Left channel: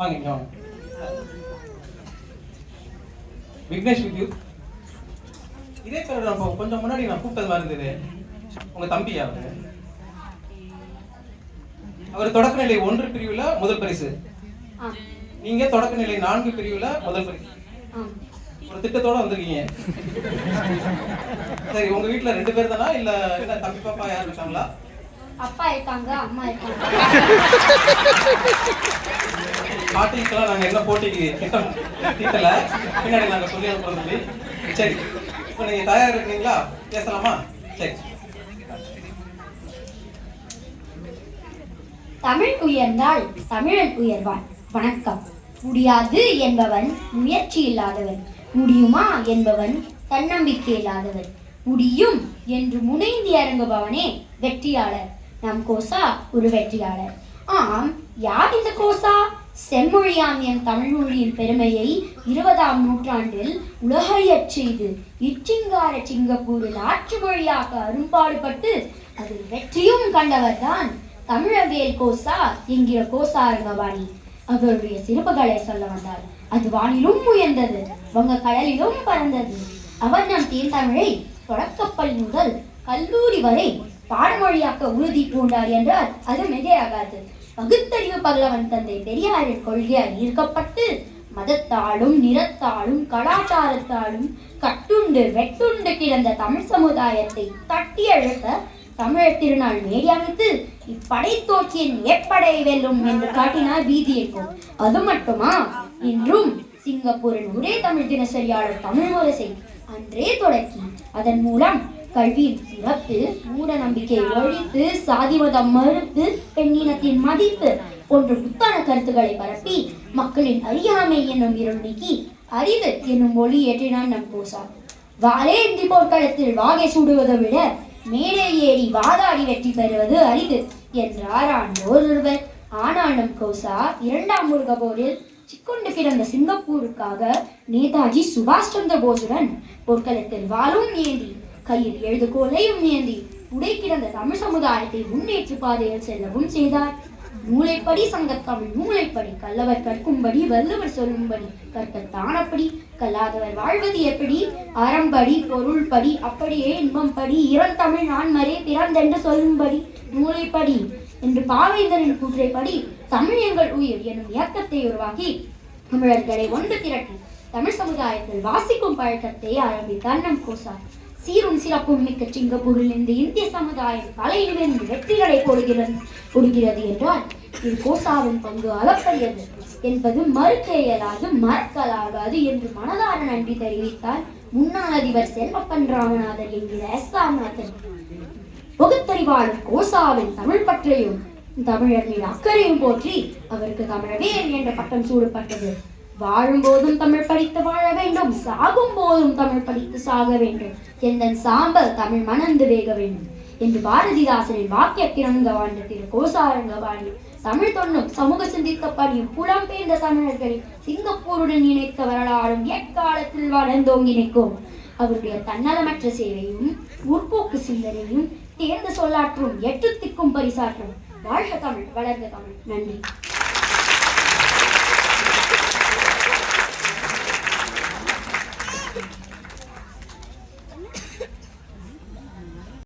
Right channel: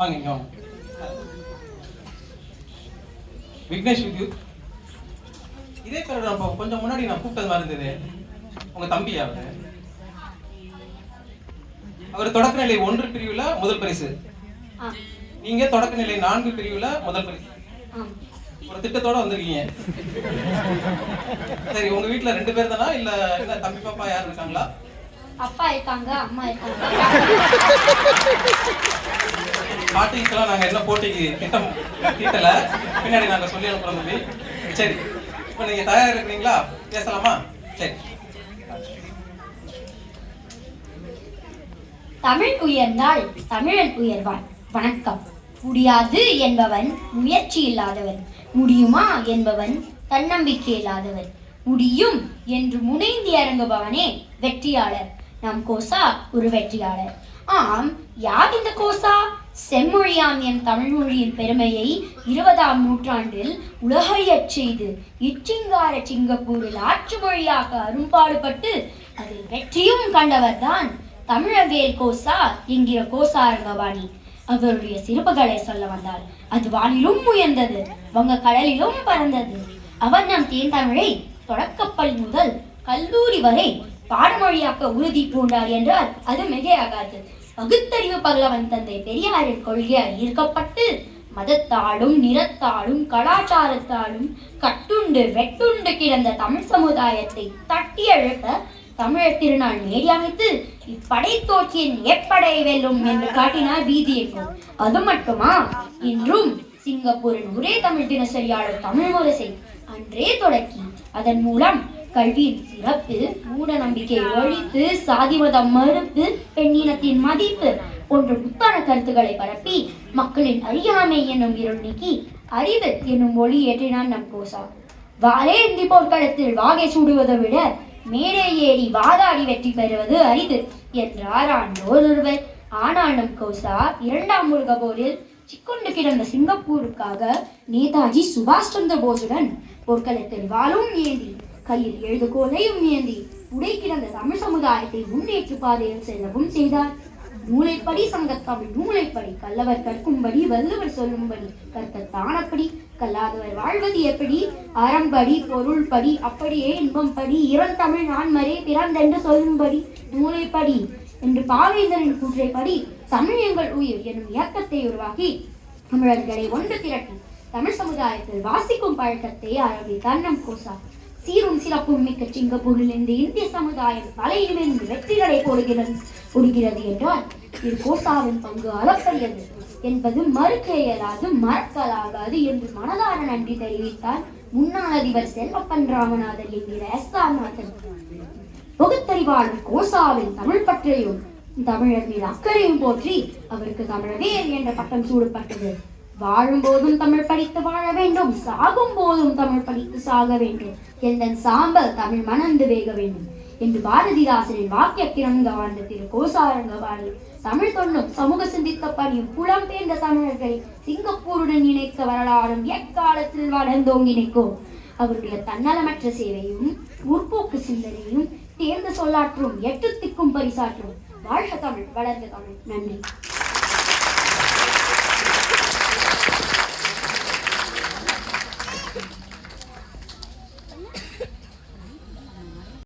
வாங்க விக்னேஷ் இதே பேர் கொஞ்சம் முன்னாடி நான் கூப்பிட்டது மாதிரி இருந்தது. உங்க தம்பியா? அவர் தொடக்கநிலை 1 பிரிவுல முதல் பரிசு, நீங்க தொடக்கநிலை 4 பிரிவுல முதல் பரிசு. ஒரு திட்டத்தோட வந்திருக்கீங்க. சரி, உங்க வீட்டுல 2 பேர் தானா இல்ல என்ன தம்பி பாப்பா யாரும் இருக்காங்களா? அப்பா இருக்காங்க, அம்மா இருக்காங்க. பாட்டிக்கெல்லாம் நாங்க என்ன போட்டிக்கு திட்டம் தீட்டல, பின்னாடி நாங்க சொல்லி அனுப்புறது. சரி, இப்போ நீங்க தயாரா இருக்கீங்களா? பேசலாமா? சரி. தமிழ் உயர்ந்தால் தமிழன் உயர்வான். வணக்கம். முடியாது என்பவன் முயற்சி இல்லாதவன், முடியுமா என்பவன் தன்னம்பிக்கை இல்லாதவன். முடியும் என்று முனைந்து இறங்குபவனே வெற்றியாளர். நம் கோசா ஒரு வெற்றியாளர். ஆம், யார் இந்த கோசா? செம்மொழியாம் என் தமிழ் மொழியின் பெருமையை 20ஆம் நூற்றாண்டில் உலகையச் செய்து இச்சிங்கார சிங்கப்பூரில் ஆட்சி மொழியாக அரும்பாடுபட்டு அதில் வெற்றியும் கண்டவர் தான் தமிழவேல் கோசா என்கிற கோசா ரங்கவாணி. அவருடைய சிறப்புகளை சொல்ல வந்தால் அது வானிலும் உயர்ந்தது, வங்க கடலிலும் பறந்தது. அவர் நம் தேன் தமிழை தொடக்கப்பள்ளி முதல் கல்லூரி வரை பாடமொழியாக்க உறுதி பூண்டார் என்றால் அது மிகையாகாது. பகுத்தறிவு பகலவன் தந்தை பெரியாரின் கொள்கையால் ஈர்க்கப்பட்டு மதத்தாலும் நிறத்தாலும் கலாச்சாரத்தாலும் கட்டுண்டு வெட்டுண்டு கிடந்த தமிழ் சமுதாயத்தை தட்டி எழுத்த தமிழர் திருநாள் மேடி அமைத்து இப்படை தோற்றியின் எப்படை வெல்லும் என்று காட்டினார் வீதி எங்கும். அது மட்டுமா, இன்றும் சிங்கப்பூரின் ஒரே தமிழ் தினசரியாளர் தமிழ் முரசை அன்றே தொடக்கி அதன் மூலம் கல்வியின் சிறப்பு, மூட நம்பிக்கை ஒழித்து, சாதி மதம் மறுப்பு, பெண்ணினத்தின் மதிப்பு போன்ற புத்தான கருத்துக்களை பரப்பி மக்களின் அறியாமை என்னும் இருள் நீக்கி அறிவு என்னும் ஒளி ஏற்றினான் நம் கோசா. வாளேந்தி போர்க்களத்தில் வாகை சூடுவதை விட மேடை ஏறி வாதாடி வெற்றி பெறுவது அரிது என்றார் ஆண்டோர் ஒருவர். ஆனால் நம் கோசா 2ஆம் உலக போரில் சிக்கொண்டு கிடந்த சிங்கப்பூருக்காக நேதாஜி சுபாஷ் சந்திர போஸுடன் போர்க்களத்தில் வாளும் ஏந்தி கையில் எழுதுகோலையும் ஏந்தி உடை கிடந்த தமிழ் சமுதாயத்தை முன்னேற்று பாதையில் செல்லவும் செய்தார். மூளைப்படி சங்கத்தமிழ் மூளைப்படி, கல்லவர் கற்கும்படி வள்ளுவர் சொல்லும்படி, கற்கத்தானப்படி கல்லாதவர் வாழ்வது எப்படி, அறம்படி பொருள்படி அப்படியே இன்பம்படி, இறந்தமிழ் நான்மரே பிறந்தென்று சொல்லும்படி மூளைப்படி என்று பாவேந்தரின் கூற்றைப்படி தமிழ் எங்கள் உயிர் என்னும் இயக்கத்தை உருவாக்கி தமிழர்களை ஒன்று திரட்டி தமிழ் சமுதாயத்தில் வாசிக்கும் பழக்கத்தை ஆரம்பித்தார் நம் கோசா. சீரும் சிறப்பும் மிக்க சிங்கப்பூரில் இந்த இந்திய சமுதாயம் தலையிலிருந்து வெற்றிகளை கொடுக்கிறது என்றால் இது கோசாவின் பங்கு அளப்பரியது என்பது மறுக்க இயலாது, மறக்கலாகாது என்று மனதார நன்றி தெரிவித்தார் முன்னாள் அதிபர் செல்வக்கண் ராமநாதன் என்கிற எஸ்ஆர்நாதன். பகுத்தறிவாளர் கோசாவின் தமிழ் பற்றையும் தமிழர் மீது அக்கறையும் போற்றி அவருக்கு தமிழவேல் என்ற பட்டம் சூடப்பட்டது. வாழும் போதும் தமிழ் படித்து வாழ வேண்டும், சாகும் போதும் தமிழ் படித்து சாக வேண்டும், எந்தன் சாம்பல் தமிழ் மணந்து வேக வேண்டும் என்று பாரதிதாசனின் வாக்கியக்கிழங்க வாழ்ந்த திரு கோசாரங்கவாணி தமிழ் தொன்னும் சமூக சிந்தித்த பணியும் புலம்பெயர்ந்த தமிழர்களை சிங்கப்பூருடன் இணைக்க வரலாறும் எக்காலத்தில் வளர்ந்தோங்கி நிற்கும். அவருடைய தன்னலமற்ற சேவையும் முற்போக்கு சிந்தனையும் தேர்ந்த சொல்லாற்றும் 8 திக்கும் பரிசாற்றும். வாழ்க தமிழ், வளர்ந்த தமிழ். நன்றி.